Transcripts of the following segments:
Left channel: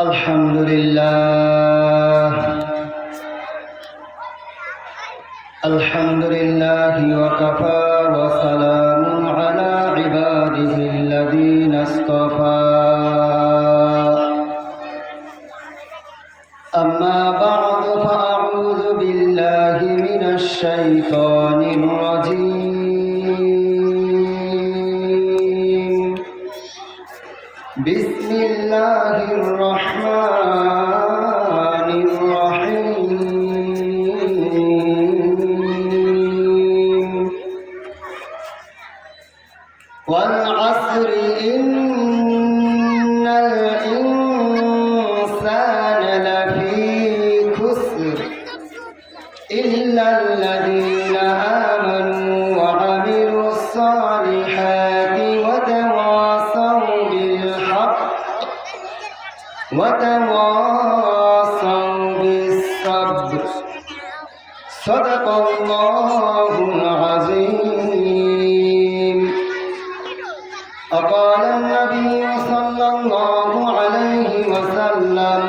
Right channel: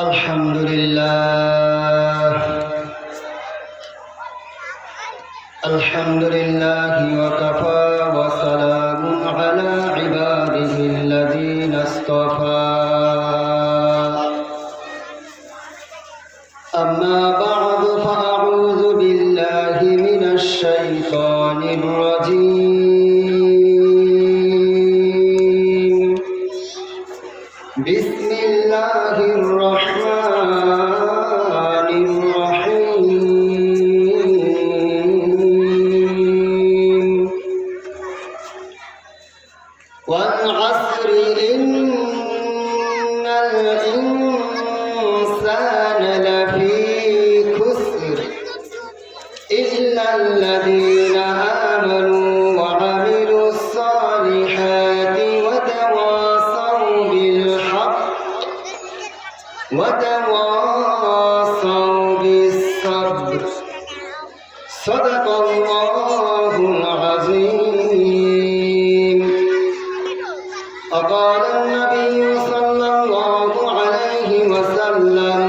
الحمد لله الحمد لله وكفى وسلام على عباده الذين اصطفى أما بعد فأعوذ بالله من الشيطان الرجيم بسم الله الرحمن الرحيم والعصر إن الإنسان لفي خسر إلا الذين آمنوا وعملوا الصالحات وتواصوا بالحق وتواصوا بالصبر صدق الله العظيم. وقال النبي صلى الله عليه وسلم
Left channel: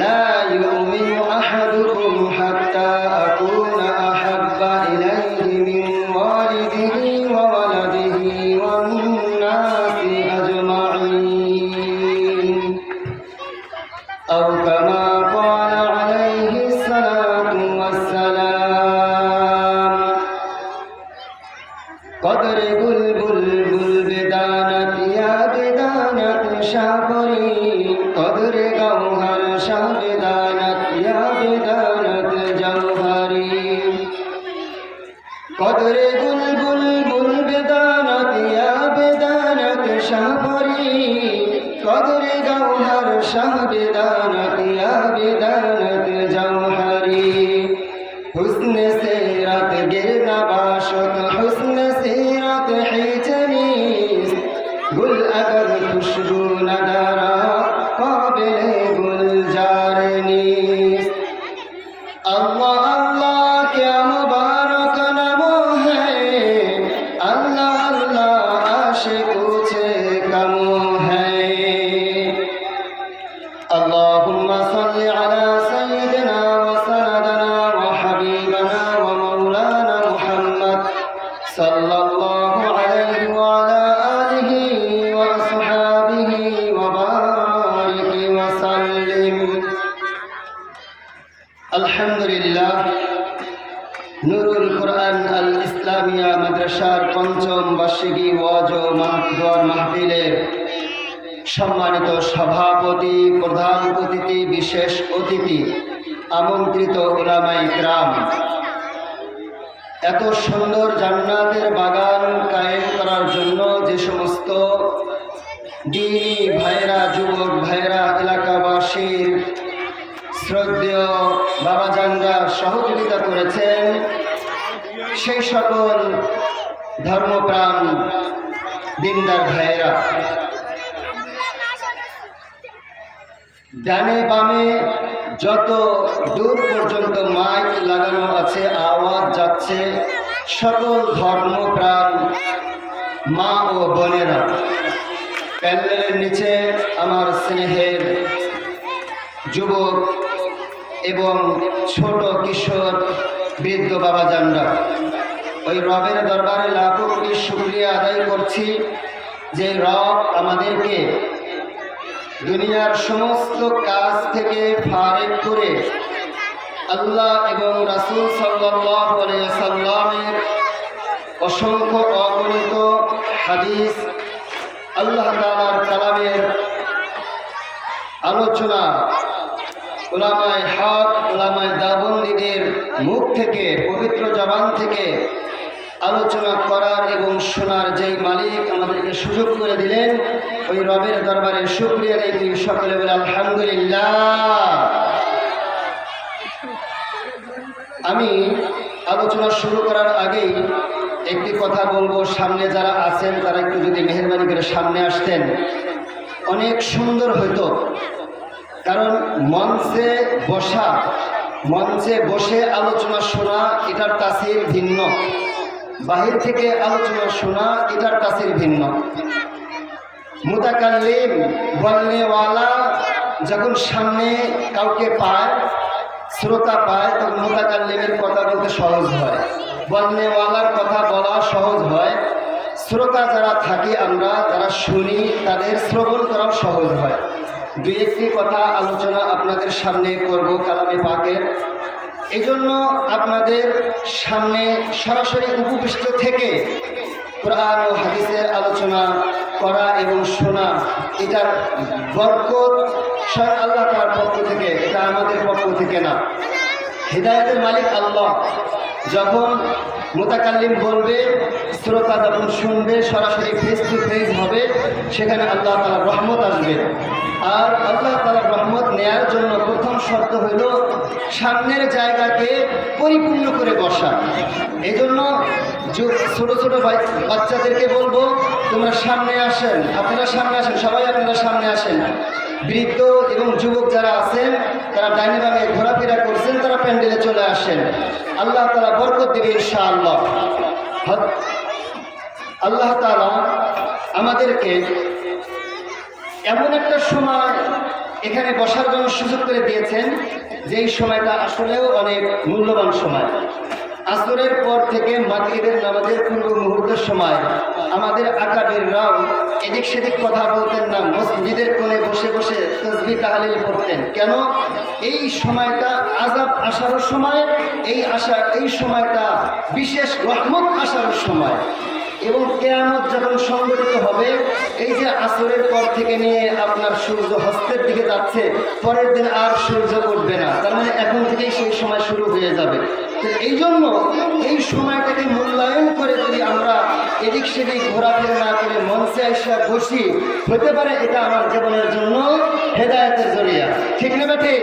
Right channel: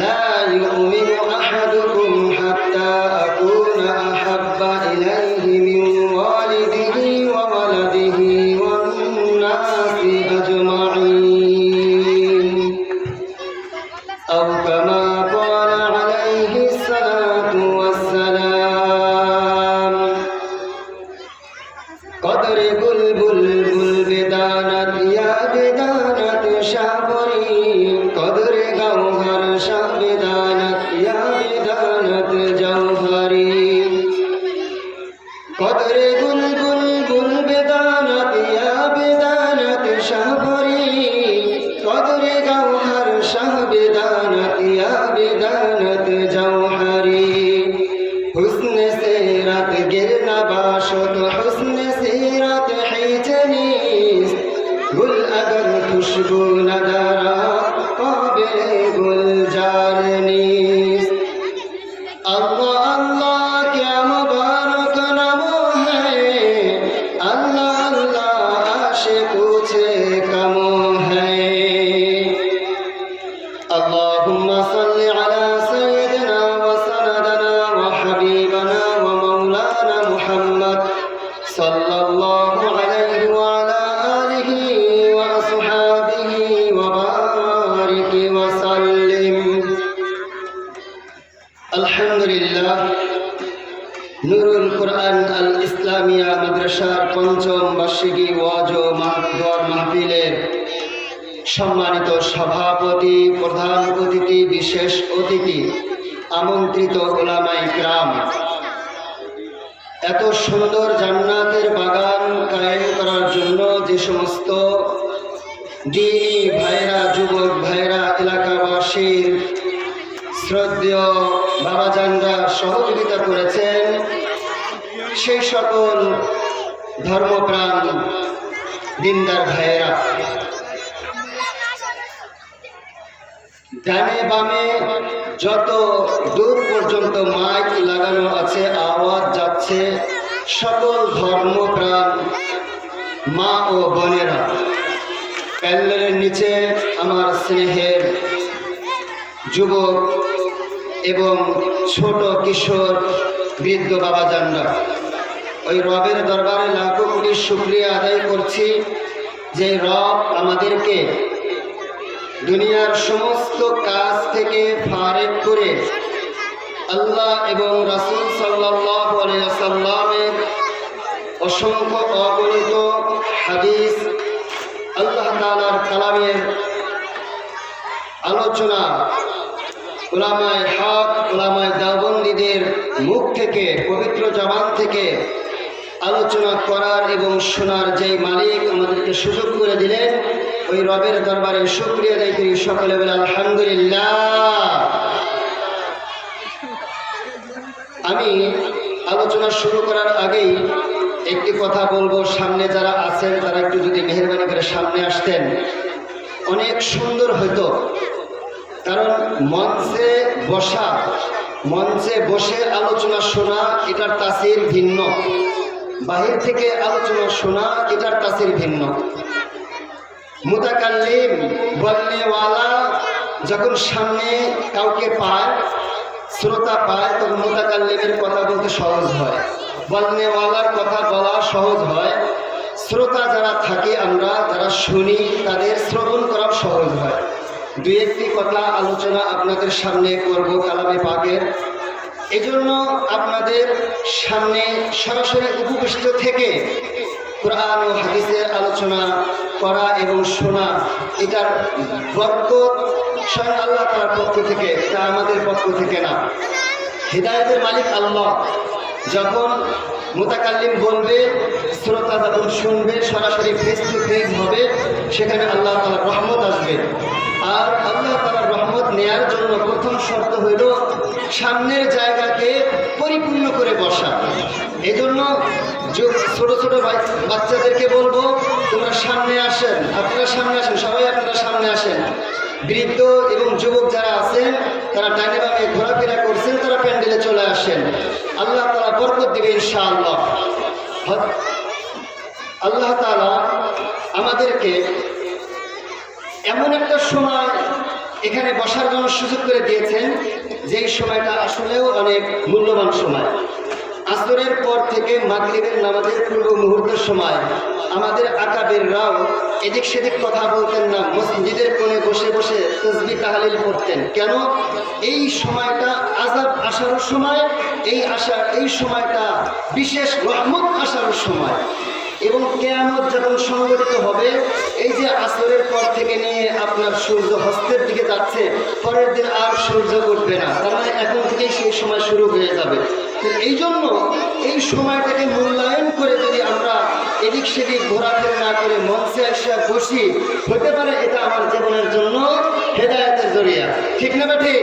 لا يؤمن أحدكم حتى أكون أحب إليه من والده وولده والناس أجمعين أو كما قال عليه الصلاة والسلام. قدر بلبل بدانت يا بدانت شعبري قدر جوهر شاه بدانت يا بدانت جوهري قدر بلبل بدانت يا بدانت شعبري قدر جوهر شاه بدانت يا بدانت جوهري حسن سیرت گرنا باشد حسن سیرت حیجنیست گل اگر خوشبو ندارد قابل گلزار نیست. اللہ اللہ کیا مبارک نمو ہے اللہ اللہ عاشقوں سے کمو ہے. اللهم صل على سيدنا وسندنا وحبيبنا ومولانا محمد صلى الله عليه وعلى آله وأصحابه وبارك وسلم. الحمد لله. নুরুল কোরআন আল ইসলামিয়া মাদ্রাসার পঞ্চম বার্ষিকী ওয়াজ ও দোয়ার মাহফিলের সম্মানিত সভাপতি, প্রধান অতিথি, বিশেষ অতিথি, আমন্ত্রিত উলামায়ে কেরাম, এত সুন্দর জান্নাতের বাগান কায়েম করার জন্য যে সমস্ত দ্বীনী ভাইরা, যুবক ভাইরা, এলাকাবাসীর শ্রদ্ধেয় বাবাজানরা সহযোগিতা করেছেন, সেই সকল ধর্মপ্রাণ দিনদার ভাইয়েরা, ডানে বামে যত দূর পর্যন্ত মাইক লাগানো আছে, আওয়াজ যাচ্ছে, সকল ধর্মপ্রাণ মা ও বোনেরা, প্যান্ডেলের নিচে আমার স্নেহের যুবক এবং ছোট কিশোর বৃদ্ধ বাবাজানরা, ওই রবের দরবারে লাখো কোটি শুকরিয়া আদায় করছি যে রব আমাদেরকে দুনিয়ার সমস্ত কাজ থেকে ফারেক করে আল্লাহ এবং রাসূল সাল্লাল্লাহু আলাইহি ওয়াসাল্লামের অসংখ্য অগণিত হাদিস, আল্লাহ তাআলার কালামের আলোচনা, উলামায়ে হক, উলামায়ে দেওবন্দীদের মুখ থেকে, পবিত্র জবান থেকে আলোচনা করার এবং শোনার যেই মালিক আমাদেরকে সুযোগ করে দিলেন, ওই রবের দরবারে শুকরিয়া আদায় করি। সকলে বলে আলহামদুলিল্লাহ। আমি আলোচনা শুরু করার আগেই একটি কথা বলবো, সামনে যারা আছেন তারা একটু যদি মেহেরবানি করে সামনে আসতেন অনেক সুন্দর হতো। কারণ মঞ্চে বসে আলোচনা শোনা এটার তাসির ভিন্ন, বাহির থেকে আলোচনা শোনা এটার তাসির ভিন্ন। মুতাকাল্লিম বলনেওয়ালা যখন সামনে কাউকে পায়, শ্রোতা পায়, তখন মুতাকাল্লিমের কথা বলতে সহজ হয়, বলনেওয়ালার কথা বলা সহজ হয়। শ্রোতা যারা থাকি আমরা, যারা শুনি, তাদের শ্রবণ করা সহজ হয়। দুই একটি কথা আলোচনা আপনাদের সামনে করব কালামে পাকের। এজন্য আপনাদের সামনে সরাসরি উপবিষ্ট থেকে কোরআন ও হাদিসের আলোচনা করা এবং শোনা, এটার বরকত স্বয়ং আল্লাহ তাআলার পক্ষ থেকে, এটা আমাদের পক্ষ থেকে না। হিদায়াতের মালিক আল্লাহ। যখন মুতাকাল্লিম বলবে, শ্রোতা যখন শুনবে, সরাসরি ফেস টু ফেস হবে, সেখানে আল্লাহ তাআলার রহমত আসবে। আর আল্লাহ তাআলার রহমত নেয়ার জন্য প্রথম শর্ত হইল সামনের জায়গাকে পরিপূর্ণ করে বসা। এই জন্য ছোট ছোট বাচ্চাদেরকে বলবো, তোমরা সামনে আসেন, আপনারা সামনে আসেন, সবাই আপনারা সামনে আসেন। বৃদ্ধ এবং যুবক যারা আছেন, তারা ডাইনে বামে ঘোরাফেরা করছেন, তারা প্যান্ডেলে চলে আসেন। আল্লাহ তাআলা বরকত দেবে ইনশাআল্লাহ। আল্লাহ তাআলা আমাদেরকে এমন একটা সময় এখানে বসার জন্য সুযোগ করে দিয়েছেন, যেই সময়টা আসলেও অনেক মূল্যবান সময়। আসরের পর থেকে মাগরিবের নামাজের পূর্ব মুহূর্তের সময় আমাদের আকাবেররাও এদিক সেদিক কথা বলতেন না, মসজিদের কোণে বসে বসে তাসবিহ তাহলিল পড়তেন। কেন? এই সময়টা আযাব আসার সময়, এই সময়টা বিশেষ রহমত আসার সময়। এবং কিয়ামত যখন সংঘটিত হবে, এই যে আসরের পর থেকে নিয়ে আপনার সূর্য হস্তের দিকে যাচ্ছে, পরের দিন আর সূর্য উঠবে না, তার মানে এখন থেকেই সেই সময় শুরু হয়ে যাবে। তো এই জন্য এই সময়টাকে মূল্যায়ন করে যদি আমরা এদিক সেদিক ঘোরাফেরা না করে মঞ্চে এসে বসি, হতে পারে এটা আমার জীবনের জন্য হেদায়েতের জরিয়া। ঠিক না বেঠি?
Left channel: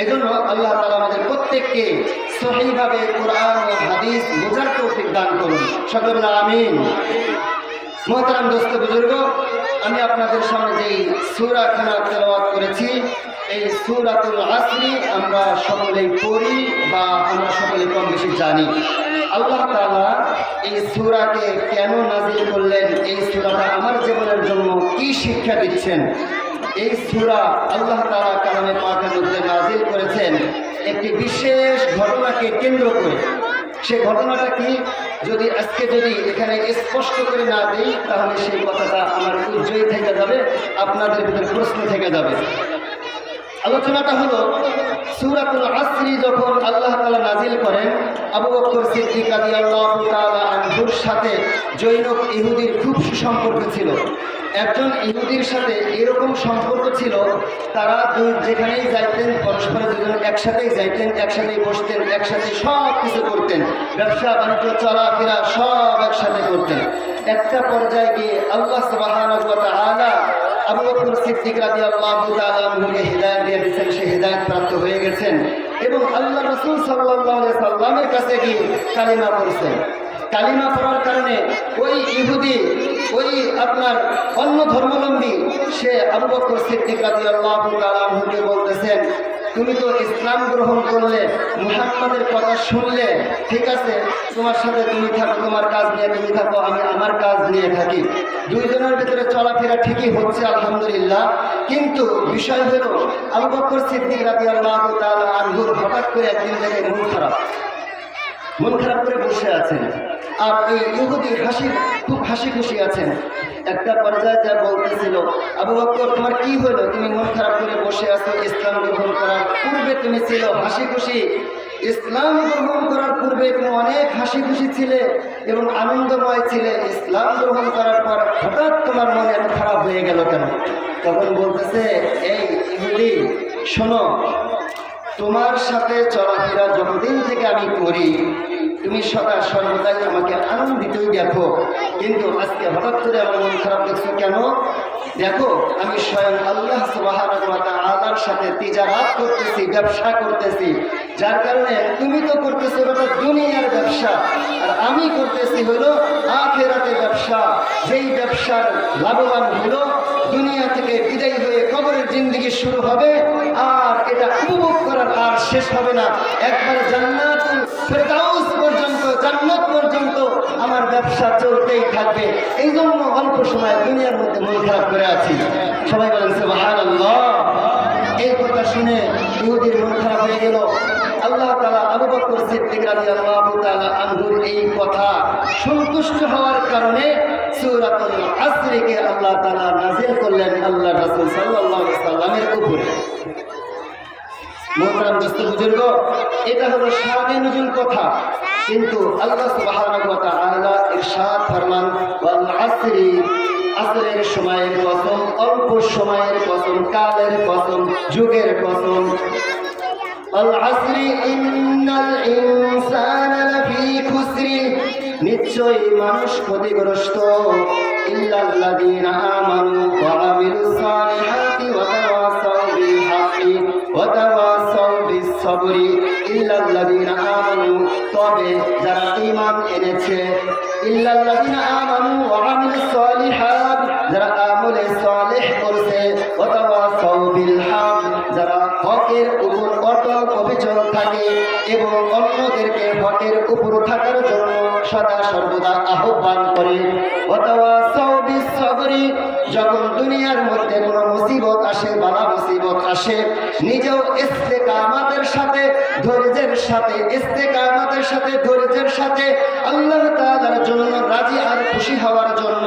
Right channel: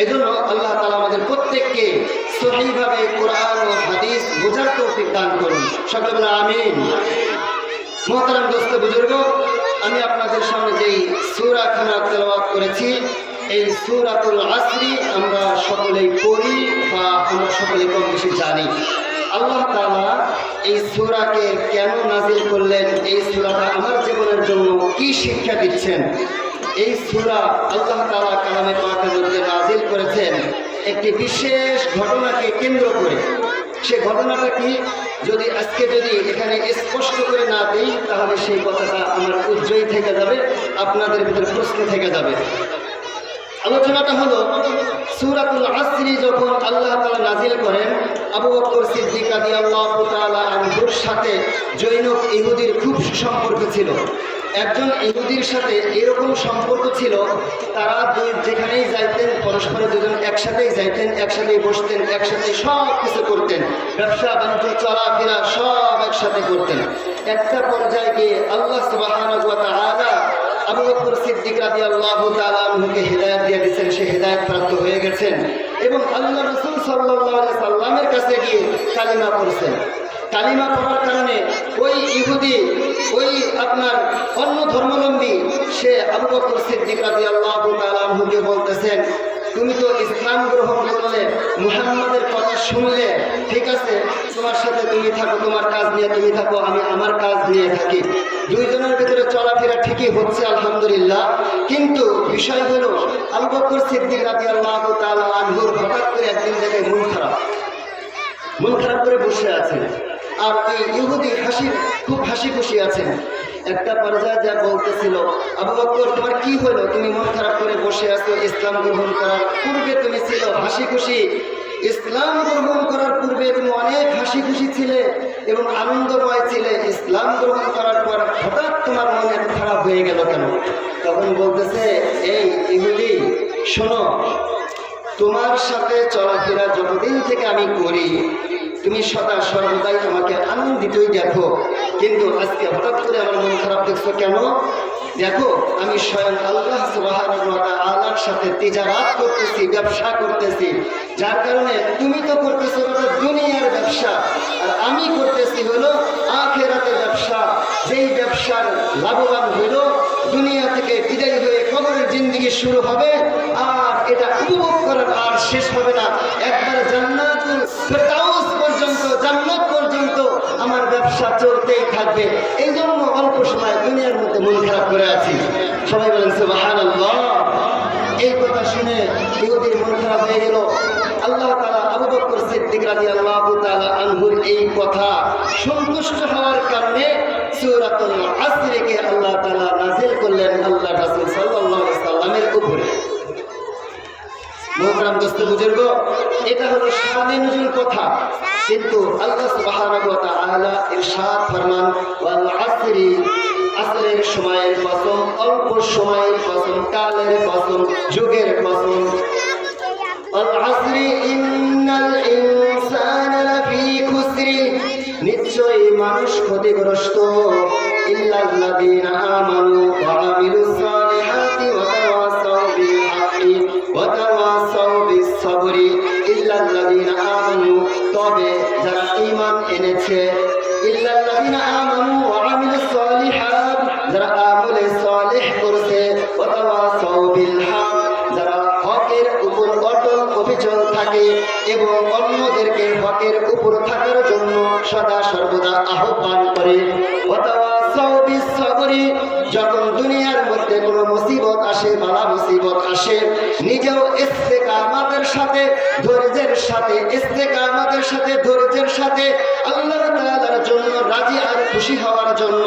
এই জন্য আল্লাহ তাআলা আমাদের প্রত্যেককে সহিভাবে কোরআন ও হাদিস বোঝার তৌফিক দান করুন। সকলে বলেন আমিন। মুহতারাম দোস্ত বুজুর্গ, আমি আপনাদের সামনে যেই সূরা খানা তেলাওয়াত করেছি, এই সূরাতুল আসরি আমরা সকলেই পড়ি বা আমরা সকলেই কম বেশি জানি। আল্লাহ তাআলা এই সূরাকে কেন নাজিল করলেন, এই সূরাটা আমার জীবনের জন্য কি শিক্ষা দিচ্ছেন, এই সূরা আল্লাহ তাআলা কালামে পাকের মধ্যে নাজিল করেছেন একটি বিশেষ ঘটনাকে কেন্দ্র করে। সেই ঘটনাটা কি, যদি আজকে এখানে স্পষ্ট করে না দিই, তাহলে সেই কথাটা আমার উজ্জ্বল থেকে যাবে, আপনাদের ভিতরে প্রশ্ন থেকে যাবে। আলোচনাটা হলো, সূরাতুল আসরি যখন আল্লাহ তাআলা নাজিল করেন, আবু বকর সিদ্দিক রাদিয়াল্লাহু তাআলা আনহুর সাথে জৈনব ইহুদির খুব সুসম্পর্ক ছিল। একজন ইহুদির সাথে এরকম সম্পর্ক ছিল, তারা যেখানেই যাইতেন পরস্পর দুজন একসাথেই যাইতেন, একসাথেই বসতেন, একসাথে সব কিছু করতেন, ব্যবসা বাণিজ্য চলাফেরা সব একসাথে করতেন। একটা পর্যায়ে গিয়ে আল্লাহ সুবহানাহু ওয়া তাআলা আবু বকর সিদ্দিক রাদিয়াল্লাহু তাআলা আনহুকে হিদায়াত দিয়ে দিয়েছেন, সে হিদায়াত প্রাপ্ত হয়ে গেছেন এবং আল্লাহ রাসূল সাল্লাল্লাহু আলাইহি সাল্লামের কাছে গিয়ে কালিমা পড়ছেন। কালিমা পড়ার কারণে ওই ইহুদি, ওই আপনার অন্য ধর্মাবলম্বী, সে আবু বকর সিদ্দিক রাদিয়াল্লাহু তাআলা আনহুকে বলতেছেন, তুমি তো ইসলাম গ্রহণ করলে, মুহাম্মাদের কথা শুনলে, ঠিক আছে, তোমার সাথে তুমি থাকো, তোমার কাজ নিয়ে তুমি থাকো, আমি আমার কাজ নিয়ে থাকি, দুইজনের ভিতরে চলাফেরা ঠিকই হচ্ছে আলহামদুলিল্লাহ। কিন্তু বিষয় হলো, আবু বকর সিদ্দিক রাদিয়াল্লাহু তাআলা আনহুর হঠাৎ করে একদিন থেকে মন খারাপ করে বসে আছেন, আর ওই ইহুদি খুব হাসি খুশি আছেন। একটা পর্যায়ে যা বলতেছিল, আবু বকর তোমার কি হলো, তুমি মন খারাপ করে বসে আছো, ইসলাম গ্রহণ করার পূর্বে তুমি ছিল হাসি খুশি, ইসলাম গ্রহণ করার পূর্বে তুমি অনেক হাসি খুশি ছিলে এবং আনন্দময় ছিলে, ইসলাম গ্রহণ করার পর হঠাৎ তোমার মন এত খারাপ হয়ে গেল কেন? তখন বলতেছে, এই ইহুদি শোনো, তোমার সাথে চলাফেরা যতদিন থেকে আমি করি, তুমি সদা সর্বদাই আমাকে আনন্দিতই দেখো, কিন্তু আজকে হঠাৎ করে আমার মন খারাপ দেখছো কেন? দেখো, আমি স্বয়ং আল্লাহ সুবহানাহু ওয়া তাআলার সাথে তিজারাত করতেছি, ব্যবসা করতেছি, যার কারণে তুমি তো করতেছো ওটা দুনিয়ার ব্যবসা, আর আমি করতেছি হলো আখিরাতের ব্যবসা। যেই ব্যবসার লাভবান হলো দুনিয়া থেকে বিদায় হয়ে কবরের জিন্দেগি শুরু হবে, আর এটা উপভোগ করার আর শেষ হবে না, একবার জান্নাতুল ফেরদাউস পর্যন্ত, জান্নাত পর্যন্ত আমার ব্যবসা সমস্যা চলতেই থাকবে। এই জন্য অল্প সময় দুনিয়ার মধ্যে মন খারাপ করে আছি। সবাই বলেন সুবহানাল্লাহ। এই কথা শুনে ইহুদির মন খারাপ হয়ে গেল। আল্লাহ তাআলা আবু বকর সিদ্দিক রাদিয়াল্লাহু তাআলা আনহুর এই কথা সন্তুষ্ট হওয়ার কারণে সূরাতুল আসরকে আল্লাহ তাআলা নাযিল করলেন আল্লাহ রাসূল সাল্লাল্লাহু আলাইহি সাল্লামের উপরে। মোহতারাম দোস্ত বুজুর্গ, এটা হলো শানে নুজুল কথা, কিন্তু আল্লাহ সুবহানাহু ওয়া তাআলা ইরশাদ ফরমান ওয়াল আসরি, আসরের সময়ের কসম, অল্প সময়ের কসম, কালের কসম, যুগের কসম। আল আসরি ইন্নাল ইনসানা লাফি খুসরি, নিশ্চয়ই মানুষ ক্ষতিগ্রস্ত। ইল্লাল্লাযীনা আমানু ওয়া আমিলুস সালিহাতি ওয়া তাওয়াসাউ বিল হাক্কি ওয়া তাওয়াসাউ বিস সাবরি। ইল্লাল্লাযীনা আমানু, তবে যারা ঈমান এনেছে। ইল্লাল্লাযীনা আমানু ওয়া আমিলুস সালিহাত, যারা আমলে সালেহ করেছে। ওয়া তাওয়াসাউ বিল হক, যারা হকের উপর অটল অবিচল থাকে এবং অন্যদেরকে হকের উপর থাকার জন্য সদা সর্বদা আহ্বান করে। ওয়া তাওয়াসাউ বিস সাবরি, যখন দুনিয়ার মধ্যে কোনো মুসিবত আসে, বালা মুসিবত আসে, নিজেও ইস্তেকামতের সাথে ধৈর্যের সাথে, ইস্তেকামতের সাথে ধৈর্যের সাথে আল্লাহ তাআলার জন্য রাজি আর খুশি হওয়ার জন্য,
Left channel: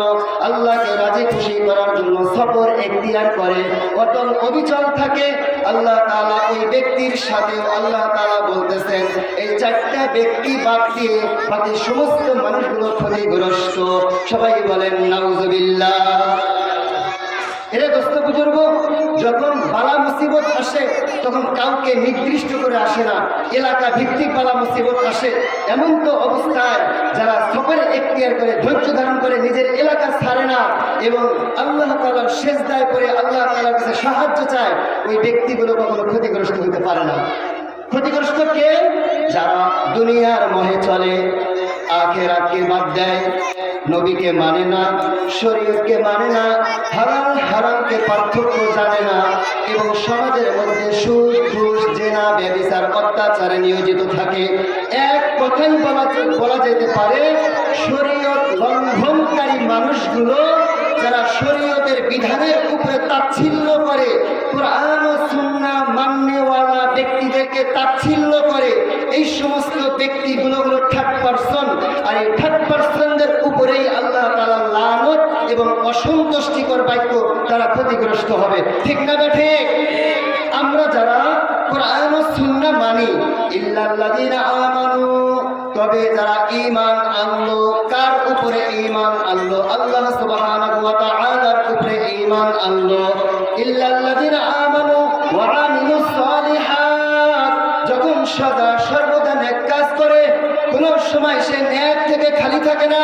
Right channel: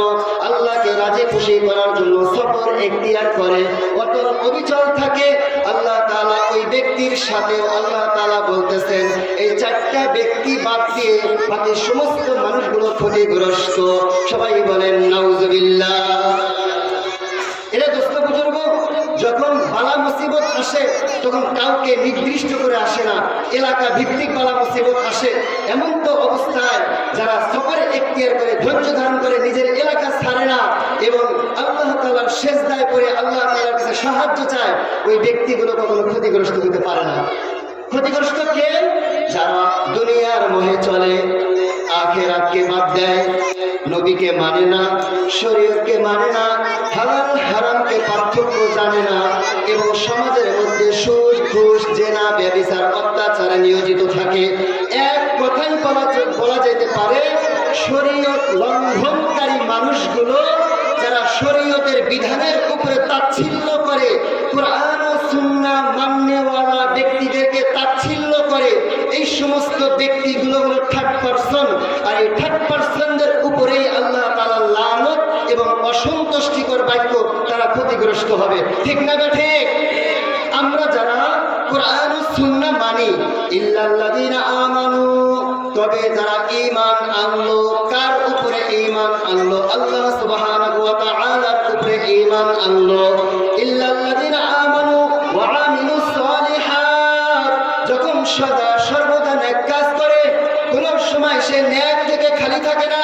আল্লাহকে রাজি খুশি করার জন্য সবর এখতিয়ার করে, অটল অবিচল থাকে। আল্লাহ তাআলা ওই ব্যক্তির সাথেও আল্লাহ তাআলা বলতেছেন এই চারটা ব্যক্তি বাদ দিয়ে বাকি সমস্ত মানুষগুলো ক্ষতিগ্রস্ত। সবাই বলেন নাউজুবিল্লাহ। এরে দোস্ত বুজুর্গ, যখন বালা মুসিবত আসে তখন কাউকে নির্দিষ্ট করে আসে না, এলাকা ভিত্তিক বালা মুসিবত আসে। এমন তো অবস্থায় যারা সবর এখতিয়ার করে, ধৈর্য ধারণ করে, নিজের এলাকা ছাড়ে না এবং আল্লাহ তাআলার সেজদায় করে আল্লাহ তাআলার কাছে সাহায্য চায়, ওই ব্যক্তিগুলো কখনো ক্ষতিগ্রস্ত হতে পারে না। ক্ষতিগ্রস্ত কে? যারা দুনিয়ার মোহে চলে, আখিরাতকে বাদ দেয়, নবীকে মানে না, শরীয়তকে মানে না, হালাল হারামকে পার্থক্য জানে না এবং সমাজের মধ্যে সুদ, ঘুষ, জেনা, ব্যভিচার, অত্যাচারে নিয়োজিত থাকে। এক কথাই বলা যেতে পারে শরীয়ত লঙ্ঘনকারী মানুষগুলো, যারা শরীয়তের বিধানের উপরে তাচ্ছিল্য করে, কোরআন ও সুন্নাহ মাননেওয়ালা ব্যক্তিদেরকে তাচ্ছিল্য করে, এই সমস্ত ব্যক্তিগুলো হলো থার্ড পারসন। আর এই থার্ড পারসনদের উপরেই আল্লাহ তাআলার লানত এবং অসন্তুষ্টিকর বাক্য, তারা ক্ষতিগ্রস্ত হবে। ঠিক না বেঠে? আমরা যারা কোরআন ও সুন্নাহ মানি, ইল্লাল্লাযীনা আমানু, তবে যারা ঈমান আনলো, কার উপরে ঈমান আনলো? আল্লাহ সুবহানাহু ওয়া তাআলার উপরে ঈমান আনলো। ইল্লাল্লাযীনা আমানু ওয়া আমিলুস সালিহাত, যখন সদা সর্বদা নেক কাজ করে, কোন সময় সে নেক থেকে খালি থাকে না,